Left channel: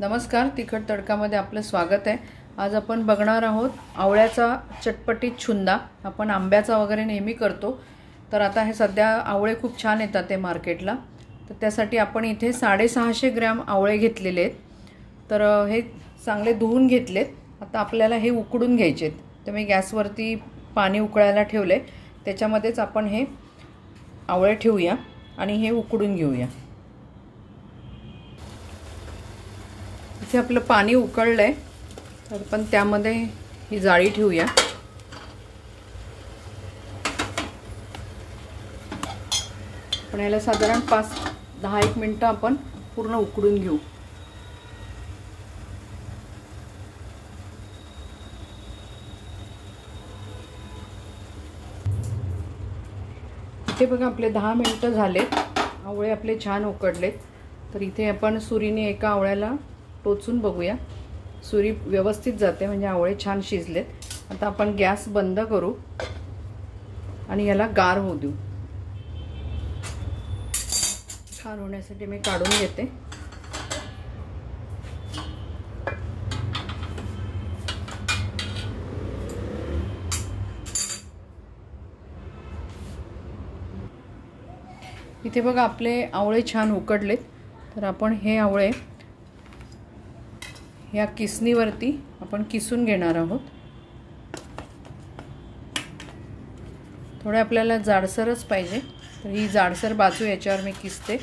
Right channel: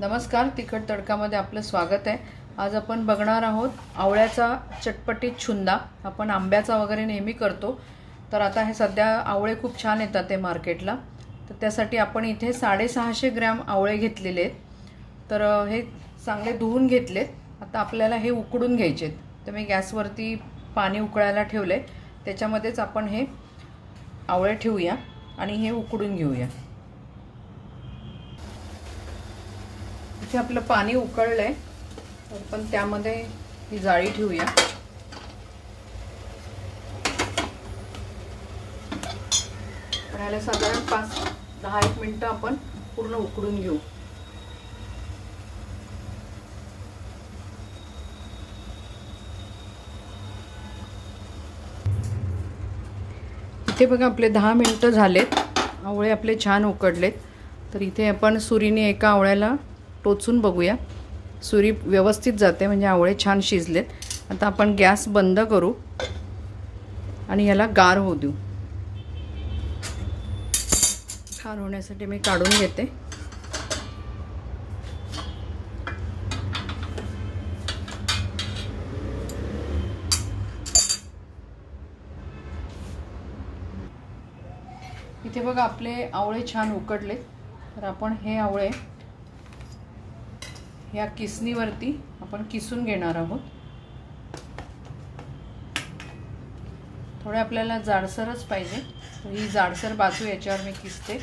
नमस्कार, तिखट तडकामध्ये आपलं स्वागत आहे। आज आपण बघणार आहोत आवळ्याचा चटपटीत छुंदा। आपण आंब्याचा वगैरे नेहमी करतो, तर आता हे सध्या आवळे खूप छान येतात ते मार्केटला। तर त्यासाठी आपण इथे 650 ग्रॅम आवळे घेतलेले आहेत। तर हे चांगले धुवून घेतलेत। आता आपल्याला हे उकडून घ्यायचे आहेत। तर मी गॅसवरती पाणी उकळायला ठेवले, त्याच्यामध्येच आपण हे आवळे ठेवूया आणि हे उकडून घेऊया। इथे आपलं पाणी उकळलंय, तर पण त्यामध्ये ही जाळी ठेवूया। पण याला साधारण 5-10 मिनिटं आपण पूर्ण उकडून घेऊ। इथे बघा आपले 10 मिनिटं झालेत, आवळे आपले छान उकडलेत। तर इथे आपण सुरीने एका आवळ्याला टोचून बघूया, सुरी व्यवस्थित जाते म्हणजे आवळे छान शिजलेत। आता आपण गॅस बंद करू आणि याला गार होऊ देऊ। गार होण्यासाठी मी काढून घेते। इथे बघा आपले आवळे छान उकडलेत। तर आपण हे आवळे या किसणीवरती आपण किसून घेणार आहोत। थोडे आपल्याला जाडसरच पाहिजे, तर ही जाडसर बाजू याच्यावर मी किसते।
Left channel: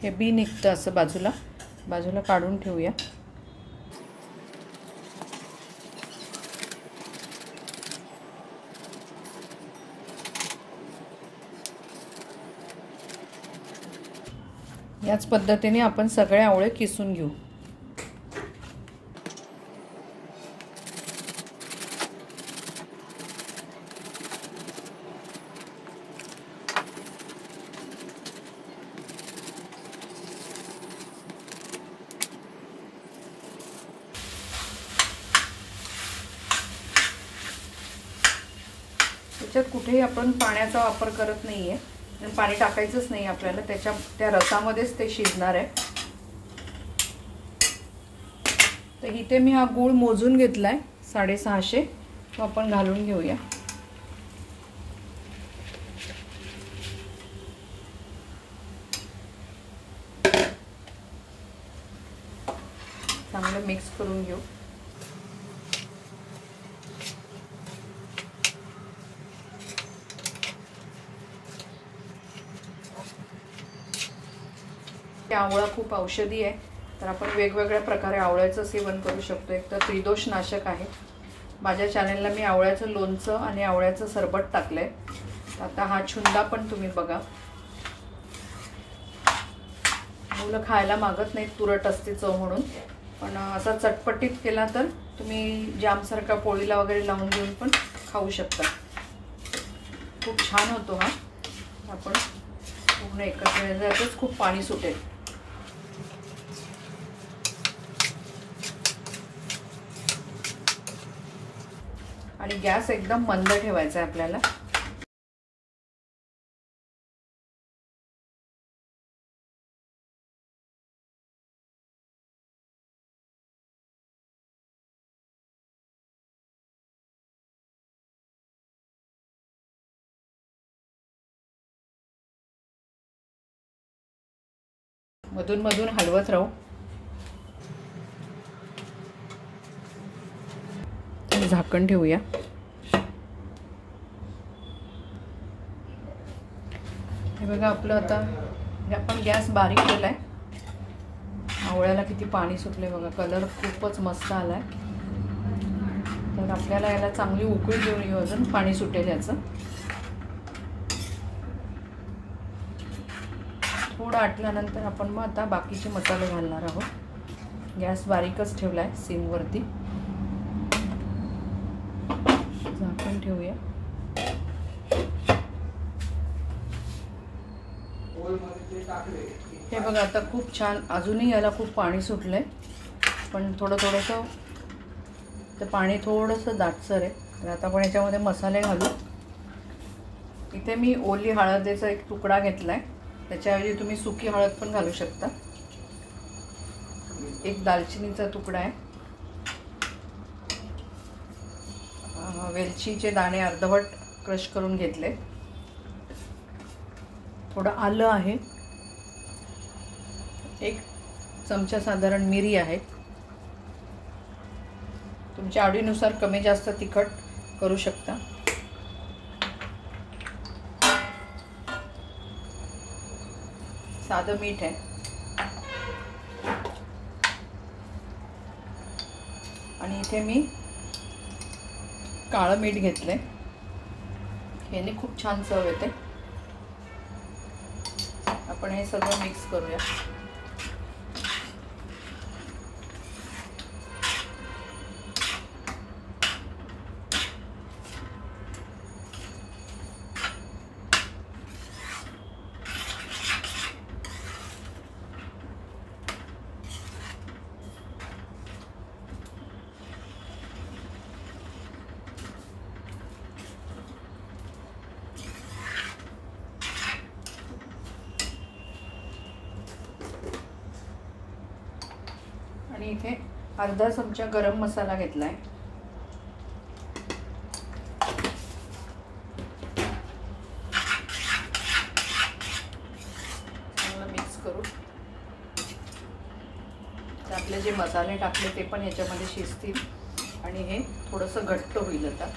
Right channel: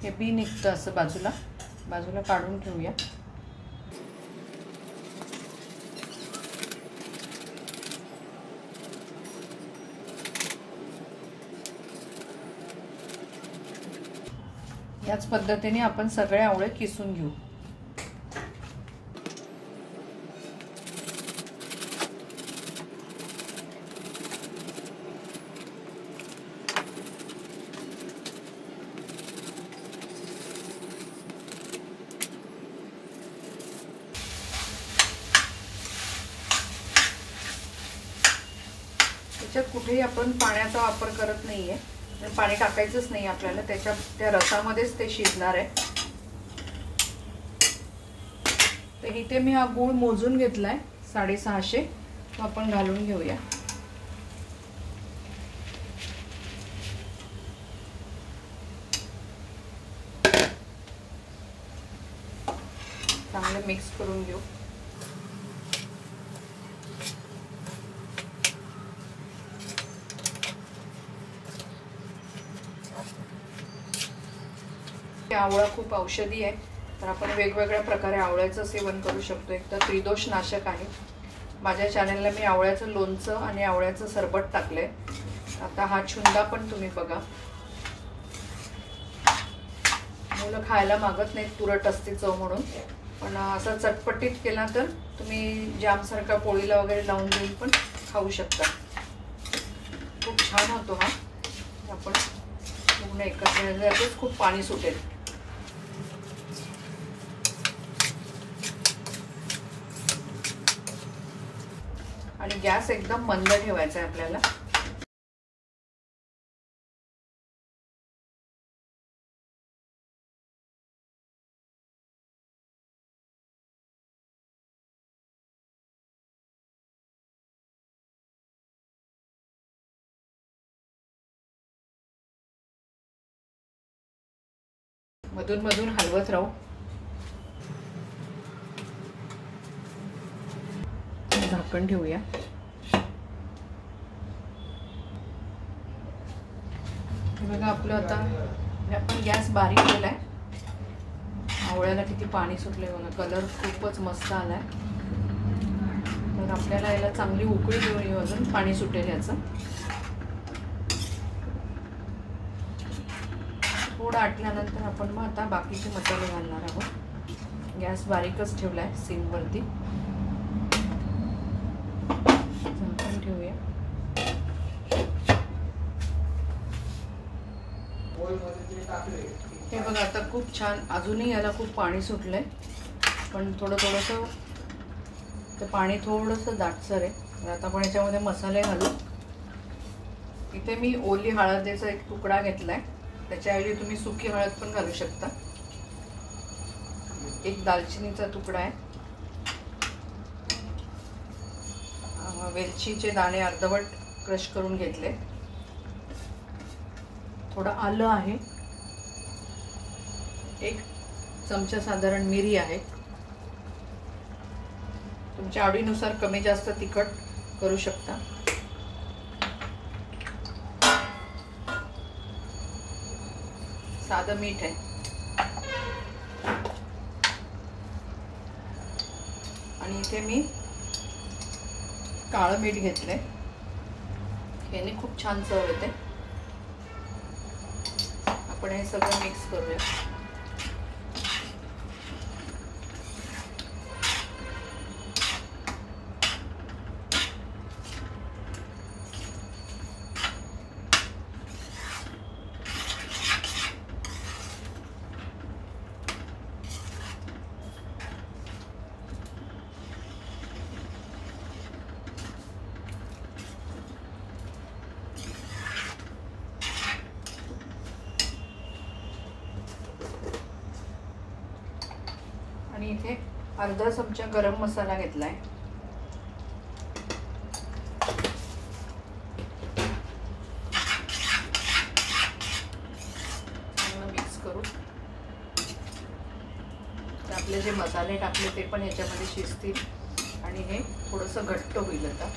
हे बी निघतं असं बाजूला काढून ठेवूया। याच पद्धतीने आपण सगळे आवळे किसून घेऊ। त्याच्यात कुठेही आपण पाण्याचा वापर करत नाहीये, पाणी टाकायचंच नाही आपल्याला, त्या रसामध्येच ते शिजणार आहे। तर इथे मी हा गूळ मोजून घेतलाय 650, तो आपण घालून घेऊया। चांगलं मिक्स करून घेऊ। आवळा खूप औषधी आहे, तर आपण वेगवेगळ्या प्रकारे आवळ्याचं सेवन करू शकतो। एक तर त्रिदोष नाशक आहे। माझ्या चॅनलला मी आवळ्याचं लोणचं आणि आवळ्याचं सरबत टाकलंय। आता हा छुंदा पण तुम्ही बघा। मुलं खायला मागत नाहीत, तुरट असते चव म्हणून, पण असा चटपटीत केला तर तुम्ही जामसारखा पोळीला वगैरे लावून देऊन पण खाऊ शकता। खूप छान होतो हा। आपण पूर्ण एकत्र खूप पाणी सुटेल। आणि गॅस एकदम मंद ठेवायचा आहे आपल्याला। मधून मधून हलवत राहू। झाकण ठेवूया। हे बघा आपलं आता आपण गॅस बारीक केलाय। आवळ्याला किती पाणी सुटले बघा, कलर खूपच मस्त आलाय। तर आपल्याला याला चांगली उकळी देऊन अजून पाणी सुटेल याचं। थोडं आटल्यानंतर आपण मग आता बाकीचे मसाले घालणार आहोत. गॅस बारीकच ठेवला आहे, सिमवरती. झाकण ठेवूया. हे बघा आता खूप छान, अजूनही याला खूप पाणी सुटलंय, पण थोडंसं तर पाणी थोडंसं दाटसर आहे. तर आता आपण याच्यामध्ये मसाले घालू. इथे मी ओली हळदीचा एक तुकडा घेतलाय, त्याच्याऐवजी तुम्ही सुकी हळद पण घालू शकता. एक दालचिनीचा तुकडा आहे, वेलचीचे दाणे अर्धवट क्रश करून घेतले, थोडं आलं आहे, एक चमचा साधारण मिरी आहे. तुमच्या आवडीनुसार कमी जास्त तिखट करू शकता. साधं मीठ आहे आणि इथे मी काळं मीठ घेतले, याने खूप छान चव येते. आपण हे सगळं मिक्स करूया. आणि इथे अर्धा चमचा गरम मसाला घेतलाय. मिक्स करू. आपले जे मसाले टाकले ते पण याच्यामध्ये शिजतील आणि हे थोडंसं घट्ट होईल. आता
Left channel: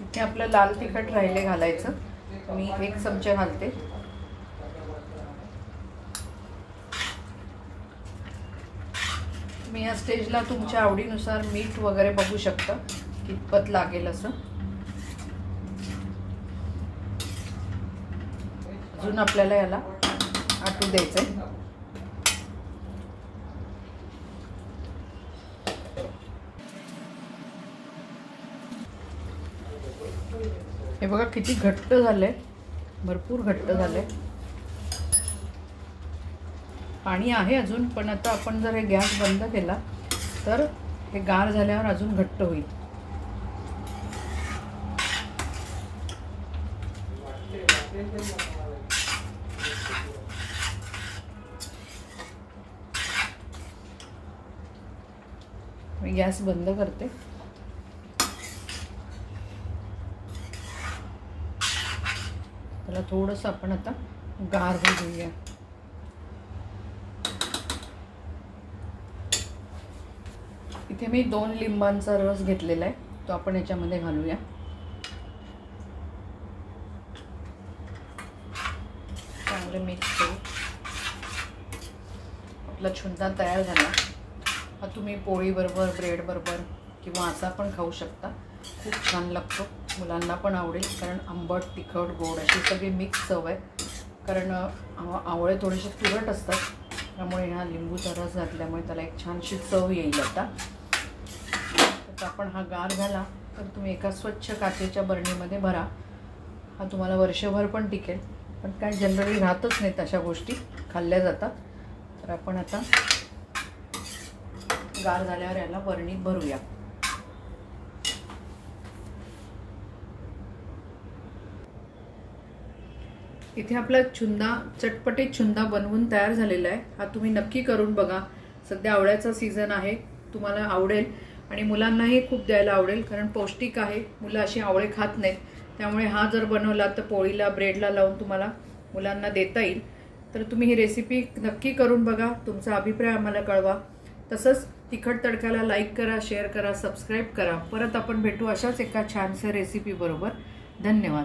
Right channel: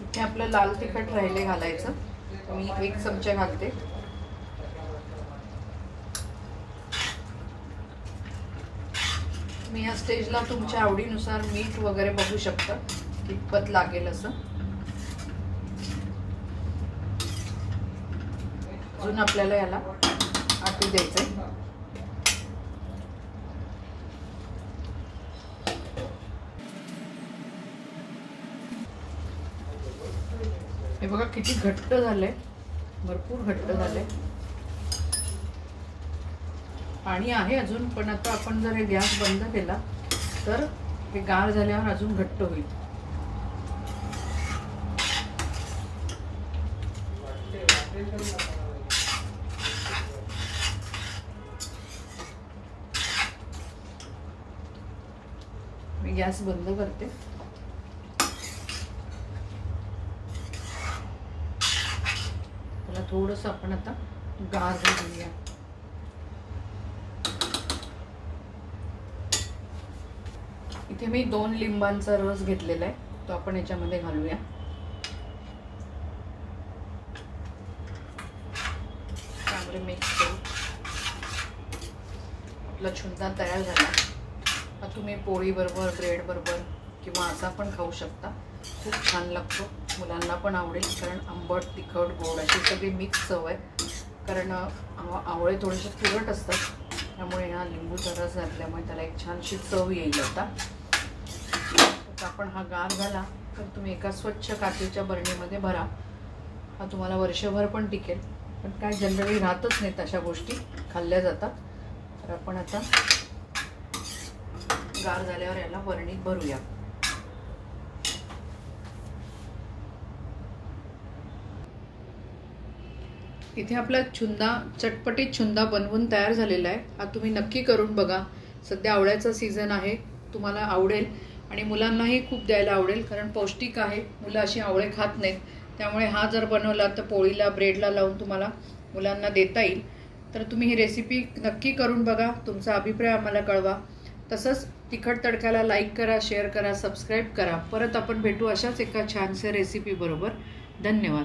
इथे आपलं लाल तिखट राहिले घालायचं, मी 1 चमचा घालते. मी या स्टेजला तुमच्या आवडीनुसार मीठ वगैरे बघू शकता कितपत लागेल असं. अजून आपल्याला याला आटू द्यायचंय. हे बघा किती घट्ट झालंय, भरपूर घट्ट झालंय. पाणी आहे अजून, पण आता आपण जर हे गॅस बंद केला तर हे गार झाल्यावर अजून घट्ट होईल. मी गॅस बंद करते. त्याला थोडंसं आपण आता गार घेऊया. इथे मी 2 लिंबांचा रस घेतलेला आहे, तो आपण याच्यामध्ये घालूया. चांगले मिक्स करू. आपला छुंदा तयार झाला. हा तुम्ही पोळी बरोबर, ब्रेड बरोबर किंवा असा पण खाऊ शकता. खूप छान लागतो, मुलांना पण आवडेल, कारण आंबट, तिखट, गोड अशी सगळी मिक्स चव आहे. कारण आवळे थोडेसे तुरट असतात, त्यामुळे ह्या लिंबूचा रस घातल्यामुळे त्याला एक छानशी चव येईल. आता आपण हा गार झाला तर तुम्ही एका स्वच्छ काचेच्या बरणीमध्ये भरा. हा तुम्हाला वर्षभर पण टिकेल, पण काय जनरली राहतच नाहीत अशा गोष्टी, खाल्ल्या जातात. तर आपण आता गार झाल्यावर याला बरणीत भरूया. इथे आपला छुंदा, चटपटीत छुंदा बनवून तयार झालेला आहे. हा तुम्ही नक्की करून बघा. सध्या आवळ्याचा सीझन आहे, तुम्हाला आवडेल आणि मुलांनाही खूप द्यायला आवडेल, कारण पौष्टिक आहे. मुलं अशी आवळे खात नाहीत, त्यामुळे हा जर बनवला तर पोळीला, ब्रेडला लावून तुम्हाला मुलांना देता येईल. तर तुम्ही ही रेसिपी नक्की करून बघा. तुमचा अभिप्राय आम्हाला कळवा. तसंच तिखट तडकाला लाईक करा, शेअर करा, सबस्क्राईब करा. परत आपण भेटू अशाच एका छानशा रेसिपी बरोबर. धन्यवाद.